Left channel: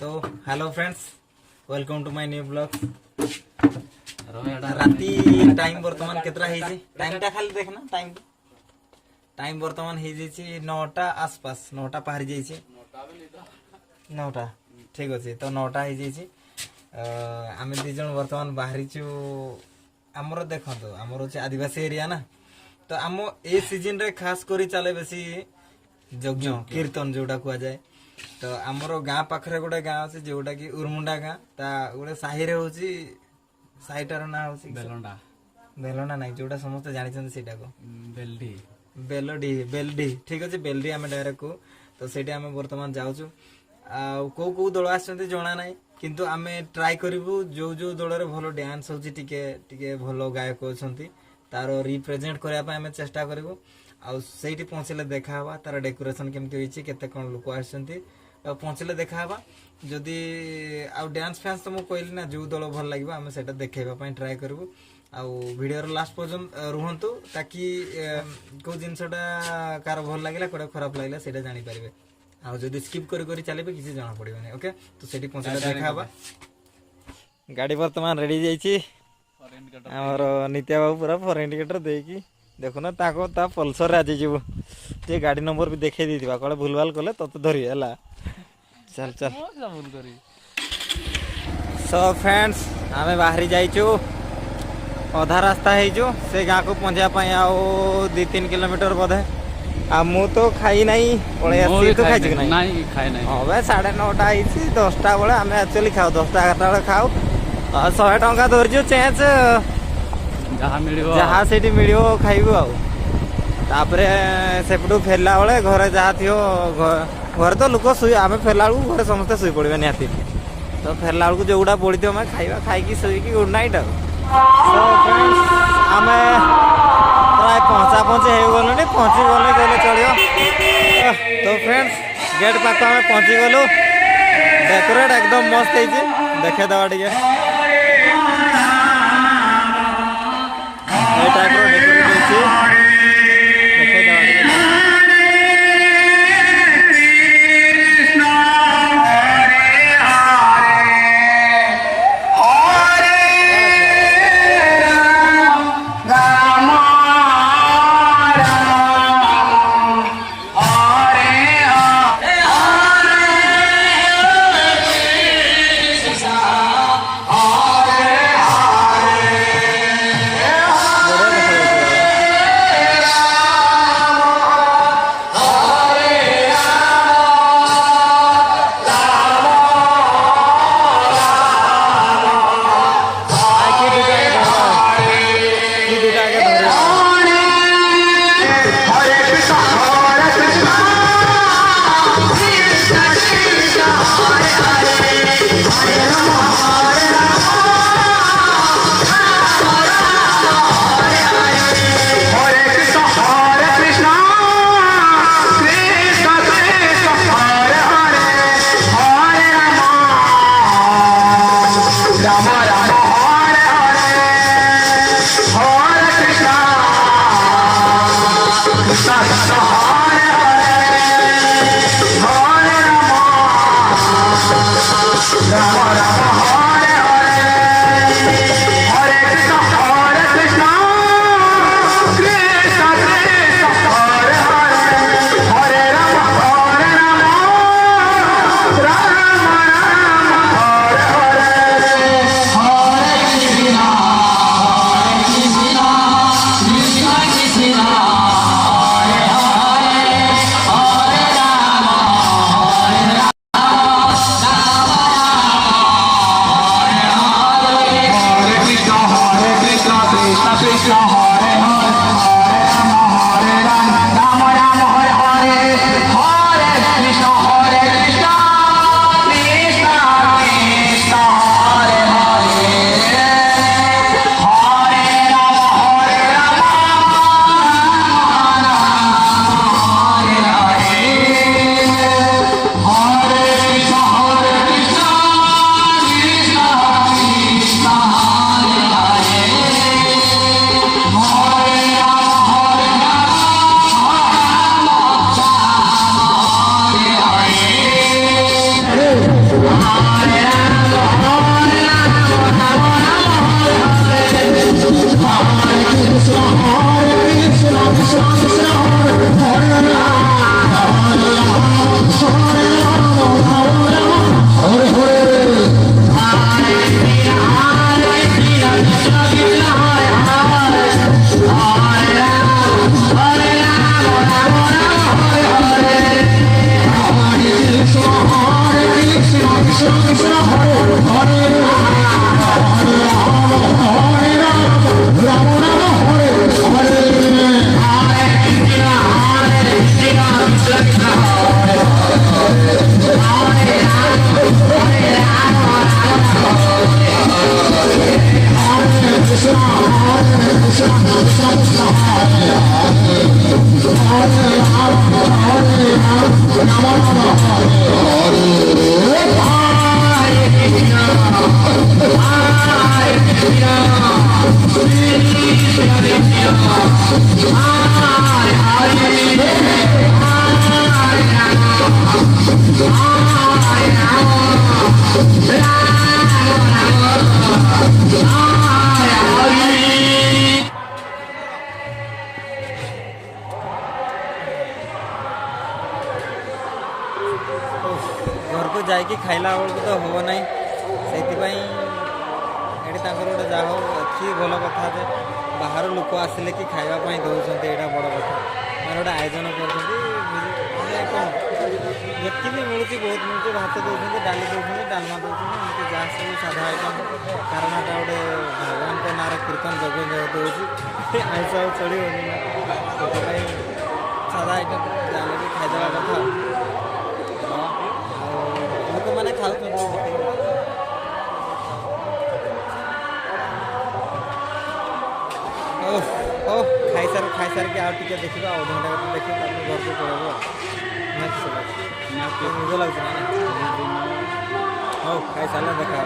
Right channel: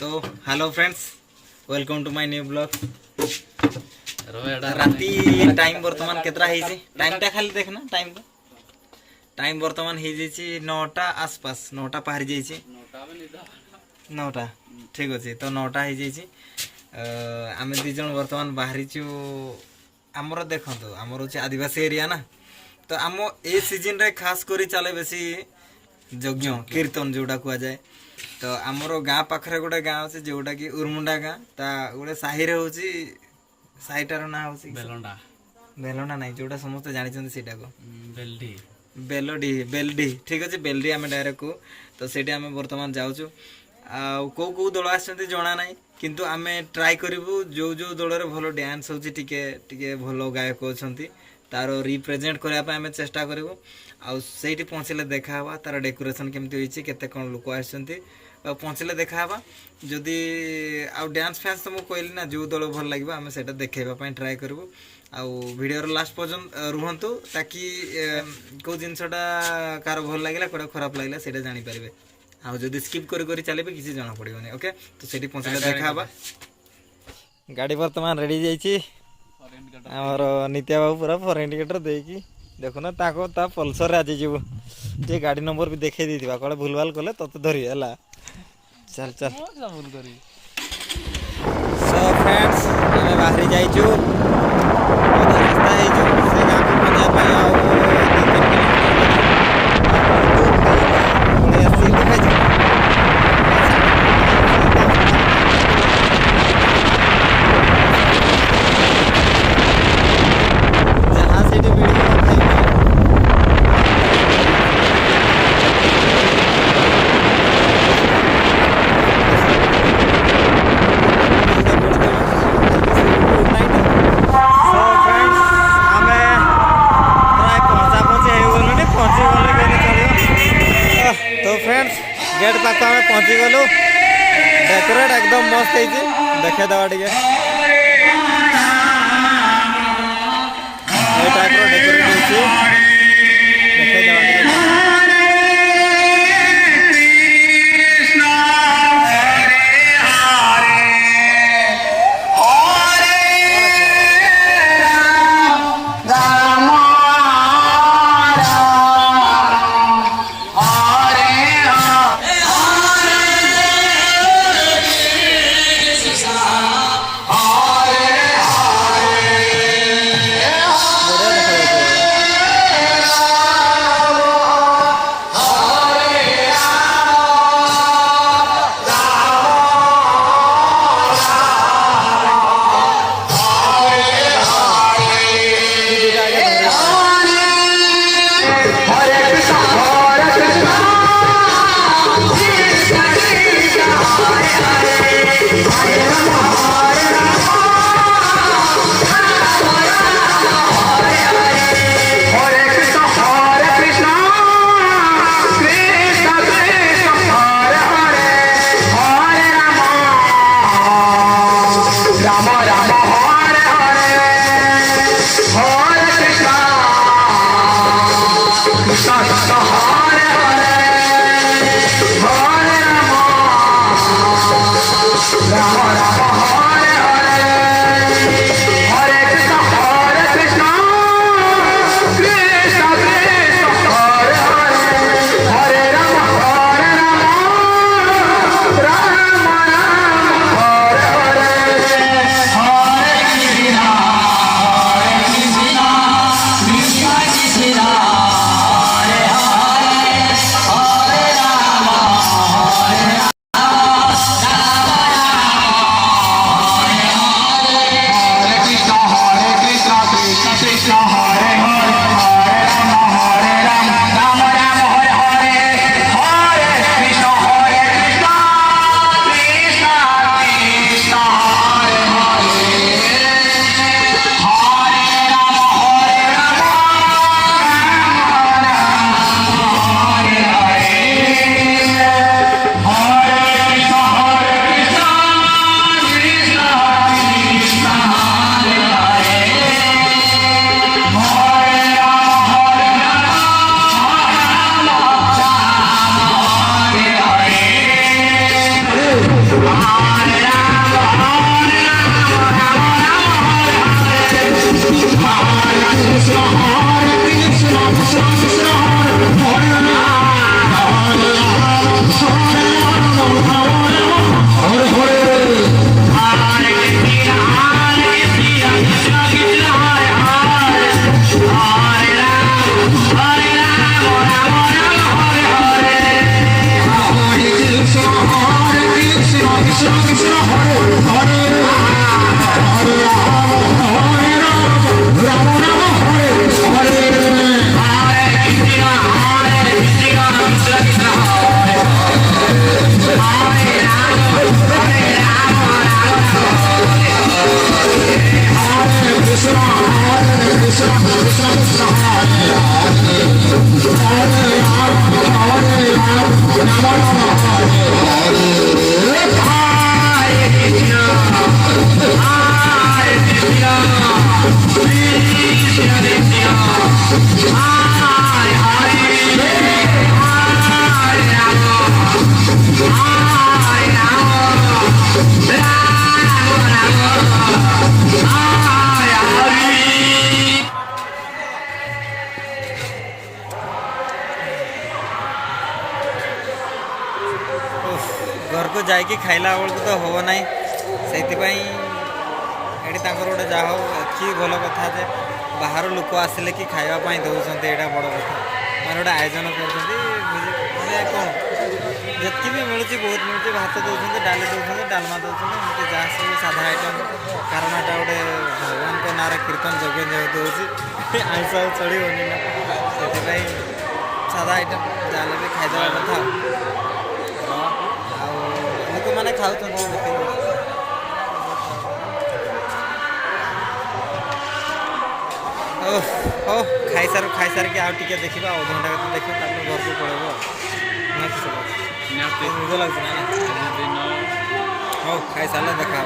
तो hello friends, welcome to my new blog. राती time बर्तमान केतरा है टाइमटा खाली देखना टाइम बर्तमान हो 9टा आसपास 9टा पार जाइए 9टा ठीक अच्छे। तो 9टा हो आम दिज बर्तमान बाहरी आमर देखो आमर हूँ आदिवासी एरिया ना। तो आम ए सीजन रे खास करी चले बेसी यज्ञ कीर्तन जोड़ा कह जाए। तो आमर गाँ पाखे गोटे गाँ अच्छे जोटा कि उर्मुंडा गाँ ता गोटे साहि हूँ साहिटार ना हूँ बेलंडा ना जोटा समस्त जानते सीटा को बेलडी बेलडी ठीक अच्छे। बेलडी आम डायरेक्ट को तो सीटी आम बर्तमान जाऊँ कौ कौ दल आसना ना किंतु आम ट्राए करूँ जो जो दल भल डांस हो भल गायक अच्छा तार रिप्रेजेंट करने आम चेष्टा करूँ आईटी पहुँचले देखा तार डेकोरेशन केमती होती केते कौन लोक आसछंती पहुँचले देखा जदि आउ डांस फैंस तो मुझे कहली ना जो दल भल लगे आम से देखेवाई ट्राए करूँ भिडियोर लास्ट पर्यंत रुहतु ताकि कौ जिनसटा कार भल लगे कौटा खराब लगे से जानीपारे आदि स्किप कर चलिए किसी जना पड़ोनी। ओके तो से पहुँचले देखा गाड़ी बर्तमान रेडी जामर नित्या बाबू पूरा फर इंडिकेटर देकी देखुना ता पल्सर आज जीव जे गाड़ी नंबर भी देखे देथिबा कले भूलभाल कले तते धरि हला चल चल भूल करी। सो फ्रेंड्स आमे बाहरी जाइछु अधा रास्ता हेजु से गाँ को पहुँचा पाई आ 2-3 किलोमीटर गले आ मु तो खाई नहीं पळे आसी तो खाइछु 9:30 10टा बेला हम एक्चुअली खाओ 10टा बेला खाओ 100 टंका धरके चेंज जहाँ से मिलो खाइबू आगे से फेरला बेले घर जहाँ थी घर तो लोक शुए आम फेरला बेलू समस्त शुए फेरला बेलू जोड़ा बोली खाई गुड नाइट। सो फ्रेंड्स आम प्राय पहुँचा पहुँची हो गलु पहुँची गले कहले चलो। तो फ्रेंड्स गेट पाख आम पहुँची गलु डेकोरेट एकदम मस्त है देखे दवा टे टाइप डेकोरेट होती देखे दवा Rama ଘରକୁ ଯାଇକି ଖାଇଲା ବେଳକୁ ତ ହେବ ନାହିଁ, ସେଇଥିପାଇଁ ଏଠି ତାଙ୍କର ଗୋଟେ ଯାହା ହଉ ଏଠି ଭଲ କଥା ଯେ ବାହାର ଲୋକ ଆସିଲେ କି ଖାଇବା ପାଇଁ ଦେଉଛନ୍ତି, ଏଇଟା ବଡ଼ କଥା। ମାନେ ଗୋଟେ ଆୟୋଜନ କରୁଛନ୍ତି, ମାନେ କ'ଣ ଯେତିକି ବି ମିଳୁଛି ବହୁତ ମିଳୁଛି, ଭାତ ଦେଉଛନ୍ତି, ଡାଲି ଦେଉଛନ୍ତି, ଡାଲମା ଦେଉଛନ୍ତି, ଏମିତି ଯାହା ସବୁ ସାଧା ଆଇଟମ୍। କାରଣ ଏଟା ଗୋଟେ ଭଗବାନଙ୍କ ନାଁରେ କୀର୍ତ୍ତନ ଯଜ୍ଞ ଯେହେତୁ ହେଉଛି, ଆଇଁଷ ଆଉ ଚଳିବନି ନା, ସେଥିପାଇଁ ସାଧା ଆଇଟମ୍ ଯାହେଲେ ବି ଖାଇଦେବା କଥା। ଆଉ ଲୋକମାନେ ଖାଉଛନ୍ତି ହଉ ଖାଇସାରିକି ଆଉ ଟିକେ ଦେଖିବା, ଅଧଘଣ୍ଟା କେତେ ଦେଖିବା, ତାପରେ ଘରକୁ ପଳେଇବ। ନିଦ ଲାଗୁଛି ନା? ହଉ ଖାଇସାରିଲେ ଦେଖା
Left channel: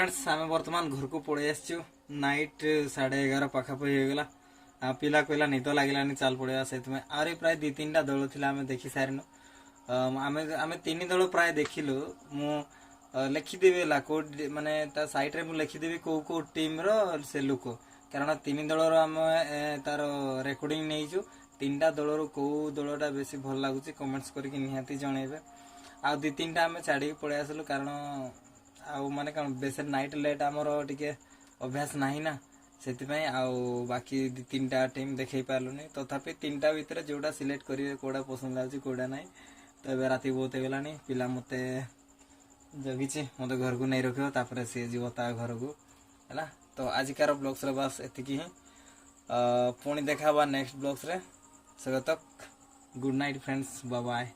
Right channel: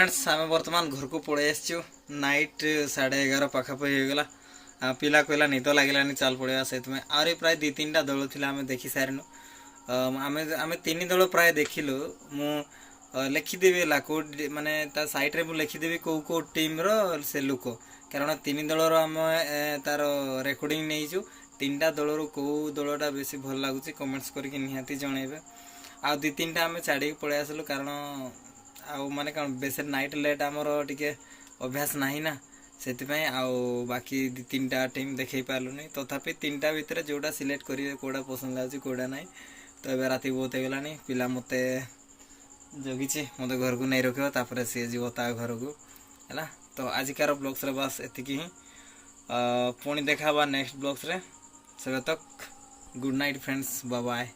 फ्रेंड्स आम बर्तमान घर को पड़े आसचु नाइट 11:30 पाखापाखि होगला पिला कहला निद लगे चल पड़ा से आहरी प्राय 2-3टा दल थी आम देखी सारिनु आम 3 दल प्राय देखिलु मु लिखिदेवी है कौ माने सैड्रे मुझे लिखिदेवी कौ टीम से लुक कारण 3 दलर आम तार रेकर्डिंग नहीं 3टा दलर कौ दलटा बेसी भल लगुच कमेंट्स करके निहाती जनइबे आ 2-3टा आम छाड़ी पड़े आसलु कारण आउ माने कौन बेस नाइट लेट आमर टिके अभ्यास नहीं ना से बाकी 2-3टा टीम देखई पार्लुनी तथापि 3टा भितर जोटा सिलेक्ट करेंगे कौटा पसंद लगे कौटा ना तो ये राति बहुत होगला पिला मत जगी मत घर को नहीं रखियो सी जीव ता घर को है तो आजिकार ब्लॉग्स रे बस एतिकी ही पुणी देखा नेक्स्ट ब्लॉग्स रे सब तक good night friends bye bye.